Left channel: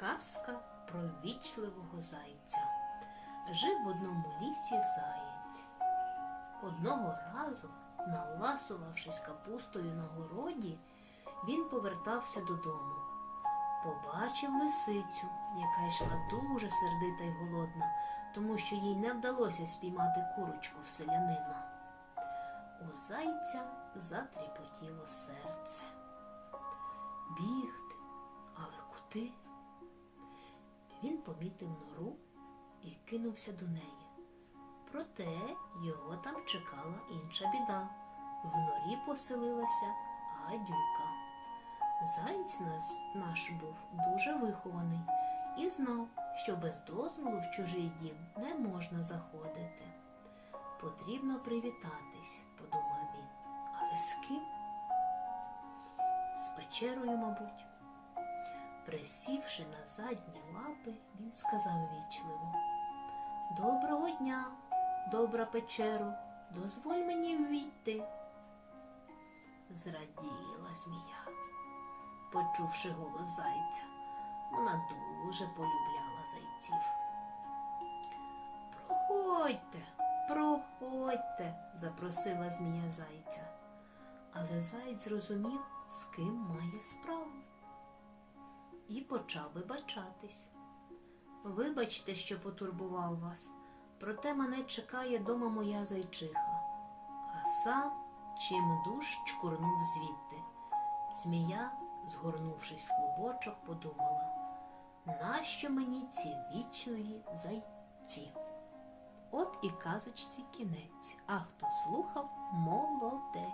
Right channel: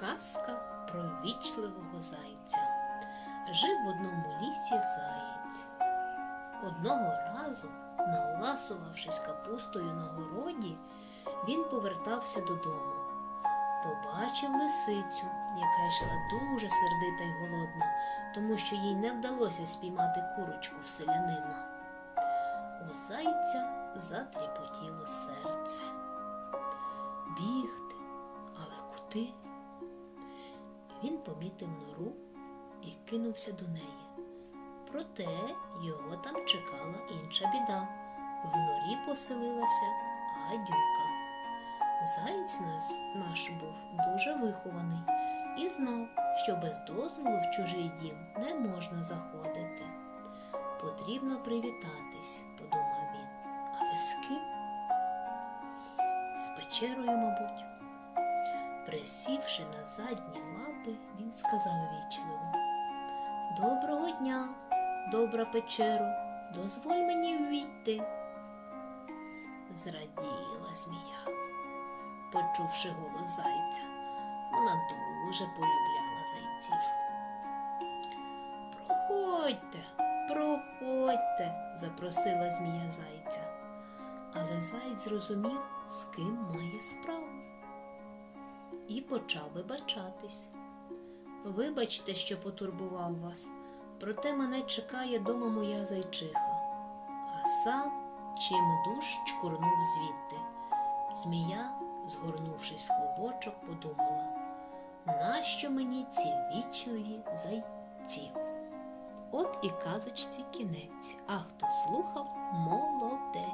Казка про вічливого зайця. Жив в одному лісі заєць. Одного разу, наласувавшись капустою на городі, він повертався додому. Побачив лисицю, яка йшла дуже сердита й голодна, тому що їй не вдалося спіймати курочку в селянина. У зайця затріпотіло серце. Бігти, але куди? Він помітив нору і кинувся до неї. Проте його там чекала інша біда. В норі поселилася гадюка. Заєць наш був дуже вихований і знав, що без дозволу в чужий дім не можна заходити. Потрібно привітатись, подумав він. Але з ким? З печерою, мабуть. Присівши на задні лапи, він сказав вічливо Доброго дня, добра печеро, дозволь мені ввійти. Зраділа змія, почувши голос зайця. Вона дуже полюбляла зайців. Проходьте, проходьте, запросила змія зайця. Але заєць зрозумів, з ким має справу і почав вибачатись. Вибачте, що потурбував вас, проте мене чекає дома моя зайчиха, а сам чим душ чкурнув звідти. Змія, згорнувшись в клубочок, подумала, нащо мені ці вічливі зайці? От і казочці кінець, а хто слухав молодець.